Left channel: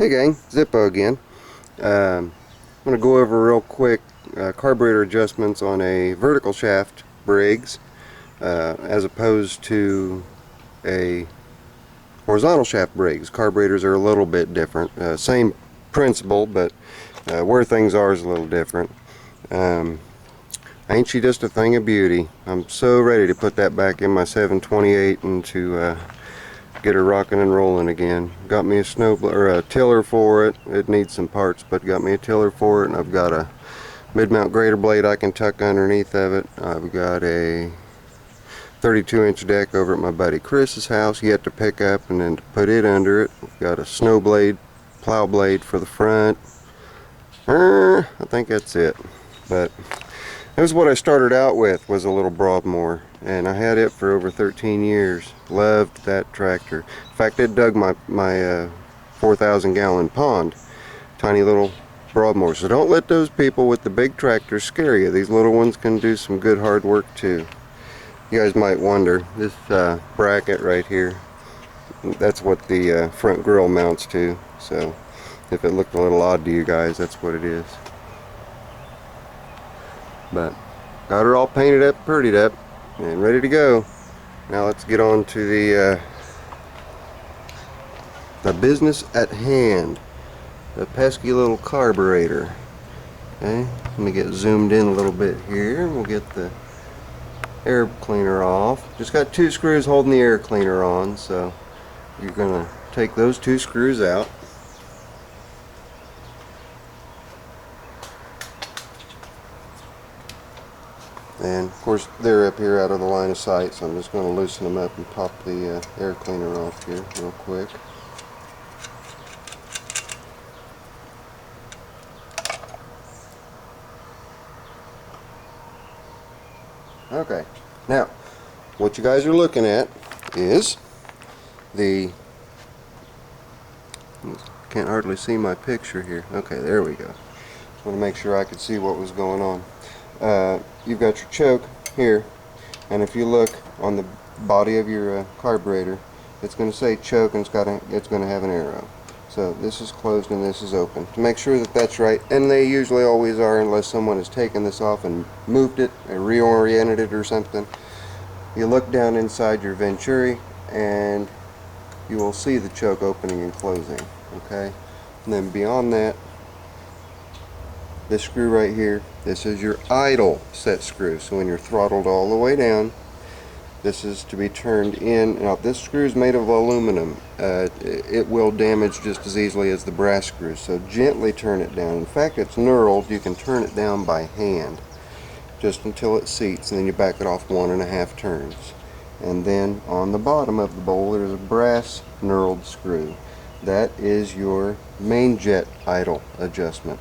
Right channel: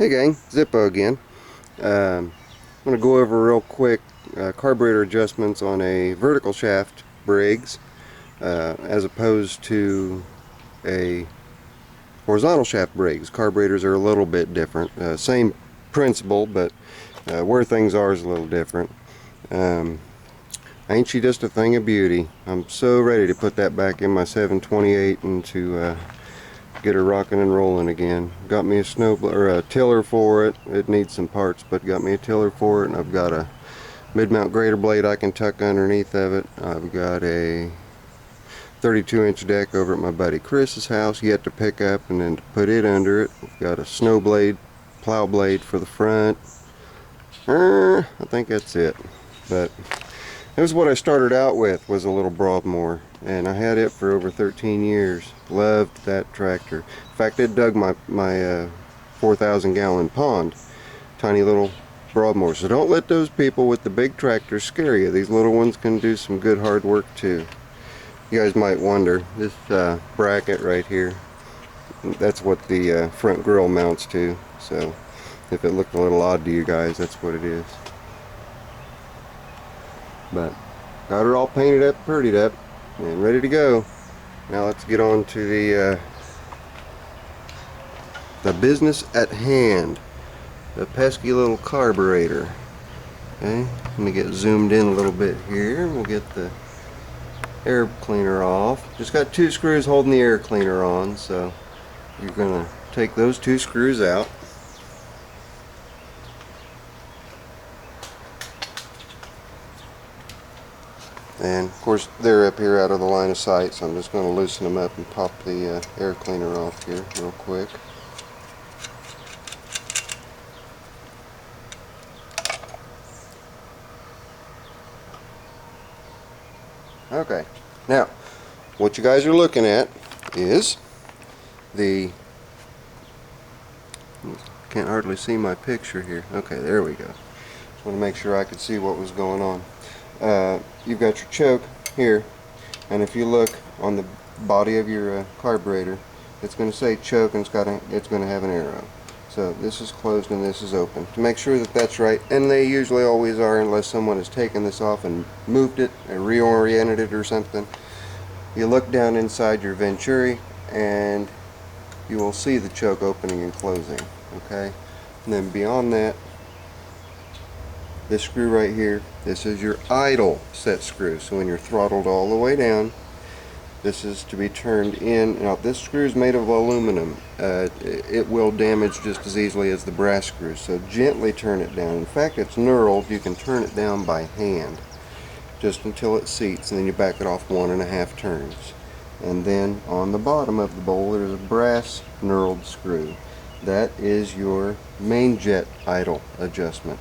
Hey gang, Zippo again. I'm going to go over real quick carburetor adjustments on a vertical shaft Briggs as opposed to a horizontal shaft Briggs. Carburetors are a little bit different. Same principle, but where things are is a little different. Ain't she just a thing of beauty? I'm so ready to put that back in my 728 and to get her rocking and rolling again. Got me a a tiller for it. It needs some parts, but got me a tiller for it, and I've got a mid-mount grater blade I can tuck underneath of it. I've got a 32-inch deck over at my buddy Chris's house yet to pick up and then to put it under it. We've got a snow blade, plow blade for the front. I think that's it. But that was what I started out with, was a little Broadmoor, and I had it for over 13 years. Loved that tractor. In fact, it dug my 4,000 gallon pond. Tiny little Broadmoor. So don't let those people with the big tractors scare you. These little ones can do some good hard work too. You guys might wonder, this bracket right here, that's what the front grill mounts to. So if it looked a little odd to you guys, that's what it is. But got her all painted up, prettied up, and ready to go. Now let's get on to the business at hand, the pesky little carburetor. Okay, let me get zoomed in a little bit here. We'll get the air cleaner off. Just got two screws holding the air cleaner on, so you're gonna take those two screws out. And of course they're up here out of the line of sight, so I'm just going to loosen them up and pop the air cleaner off here real quick. Okay, now what you guys are looking at is the, can't hardly see my picture here. Okay, there we go. Just want to make sure I could see what was going on. You've got your choke here, and if you look on the body of your carburetor, it's going to say choke, and it's going to have an arrow. So this is closed and this is open. To make sure that that's right, and they usually always are unless someone has taken this off and moved it and reoriented it or something. You look down inside your venturi and you will see the choke opening and closing. Okay, and then beyond that, this screw right here, this is your idle set screw. So when you're throttled all the way down, this is to be turned in. Now this screw is made of aluminum. It will damage just as easily as the brass screws, so gently turn it down. In fact, it's knurled. You can turn it down by hand just until it seats, and then you back it off 1.5 turns. And then on the bottom of the bowl there's a brass knurled screw. That is your main jet idle adjustment.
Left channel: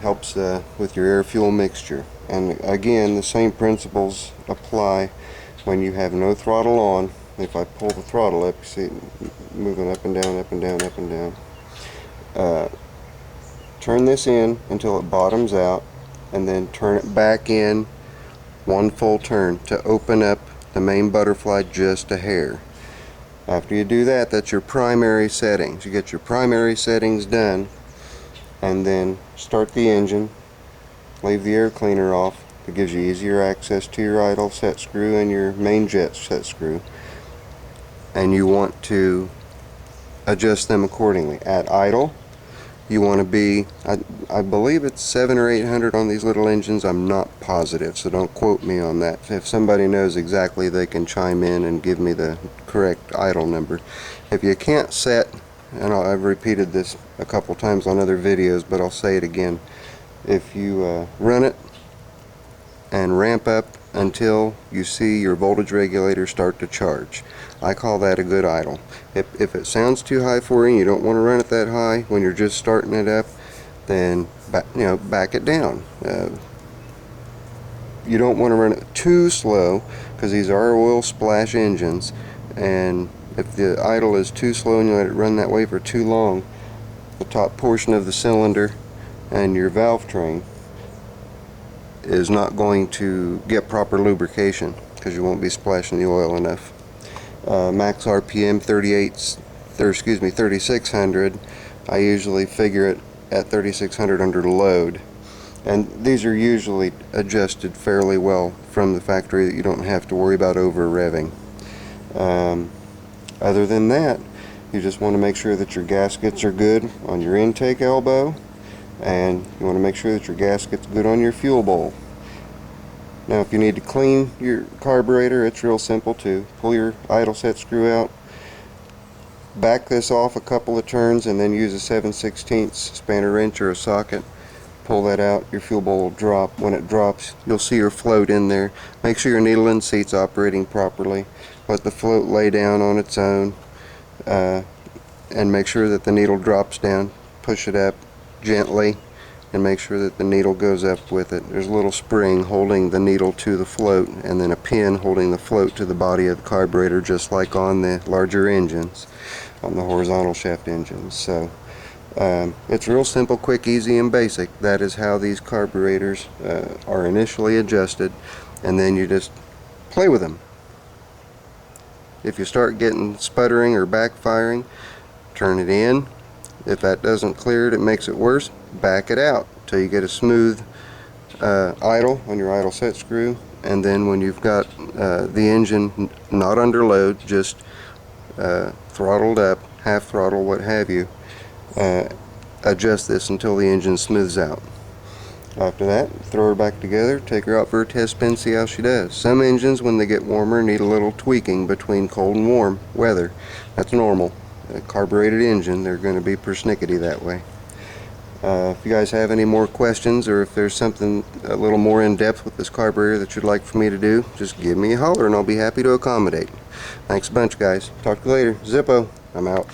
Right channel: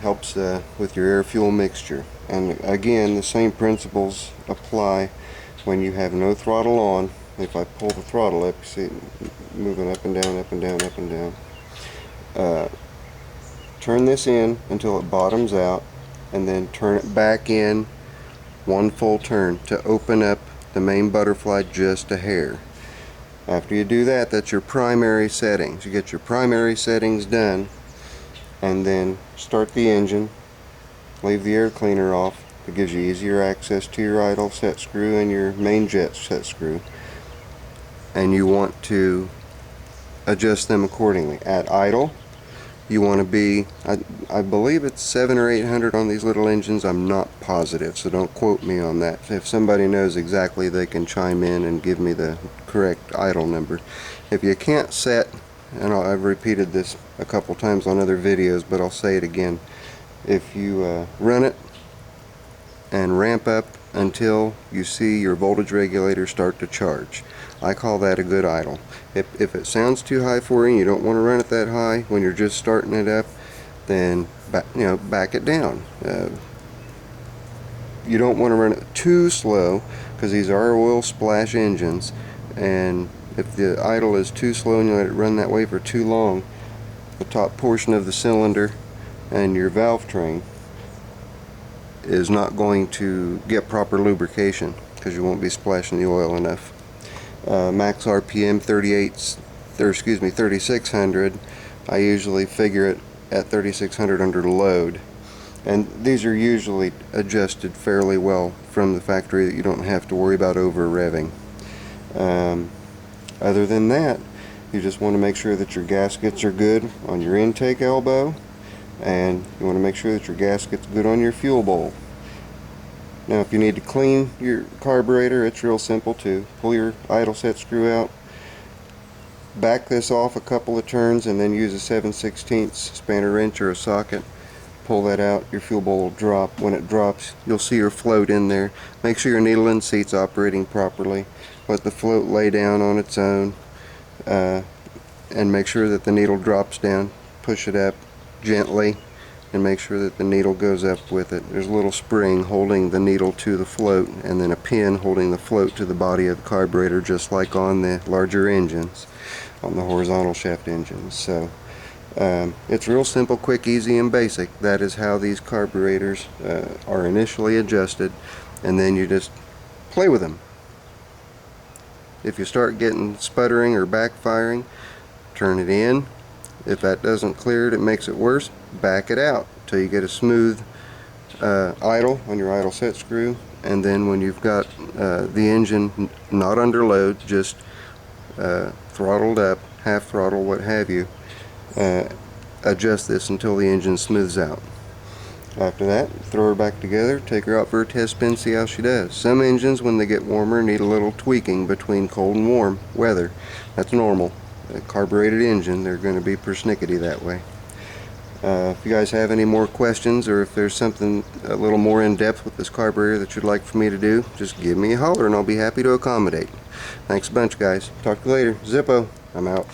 Helps with your air fuel mixture. And again, the same principles apply when you have no throttle on. If I pull the throttle up, you see it moving up and down, up and down, up and down. Turn this in until it bottoms out, and then turn it back in one full turn to open up the main butterfly just a hair. After you do that, that's your primary settings. You get your primary settings done, and then start the engine, leave the air cleaner off. It gives you easier access to your idle set screw and your main jet set screw, and you want to adjust them accordingly. At idle, you want to be, I believe it's 700 or 800 on these little engines. I'm not positive, so don't quote me on that. If somebody knows exactly, they can chime in and give me the correct idle number. If you can't set, and I've repeated this a couple times on other videos, but I'll say it again. If you run it and ramp up until you see your voltage regulator start to charge, I call that a good idle. If it sounds too high for you and you don't want to run it that high when you're just starting it up, then back it down. You don't want to run it too slow, because these are oil splash engines, and if the idle is too slow and you let it run that way for too long, the top portion of the cylinder and your valve train is not going to get proper lubrication because you won't be splashing the oil enough. Max RPM 3600. I usually figure it at 3600 under load. And these are usually adjusted fairly well from the factory that you don't have to worry about over revving. Other than that, you just want to make sure that your gaskets are good on your intake elbow, and you want to make sure that your gasket's good on your fuel bowl. Now if you need to clean your carburetor, it's real simple too. Pull your idle set screw out, back this off a couple of turns, and then use a 7/16 spanner wrench or a socket. Pull that out, your fuel bowl will drop. When it drops, you'll see your float in there. Make sure your needle and seat's operating properly. Let the float lay down on its own, and make sure that the needle drops down. Push it up gently and make sure that the needle goes up with it. There's a little spring holding the needle to the float, and then a pin holding the float to the body of the carburetor, just like on the larger engines, on the horizontal shaft engines. So it's real simple, quick, easy, and basic. That is how these carburetors are initially adjusted, and then you just play with them. If you start getting sputtering or backfiring, turn it in. If that doesn't clear it, it makes it worse, back it out till you get a smooth idle on your idle set screw. And then when you've got the engine not under load, just throttled up, half throttle, what have you, adjust this until the engine smooths out. After that, throw her back together, take her out for a test spin, see how she does. Some engines, when they get warmer, need a little tweaking between cold and warm weather. That's normal. A carbureted engine, they're going to be persnickety that way. If you guys have any more questions, or if there's something a little more in depth with this carburetor that you'd like for me to do, just give me a holler and I'll be happy to accommodate. Thanks a bunch, guys. Talk to you later. Zippo, I'm out.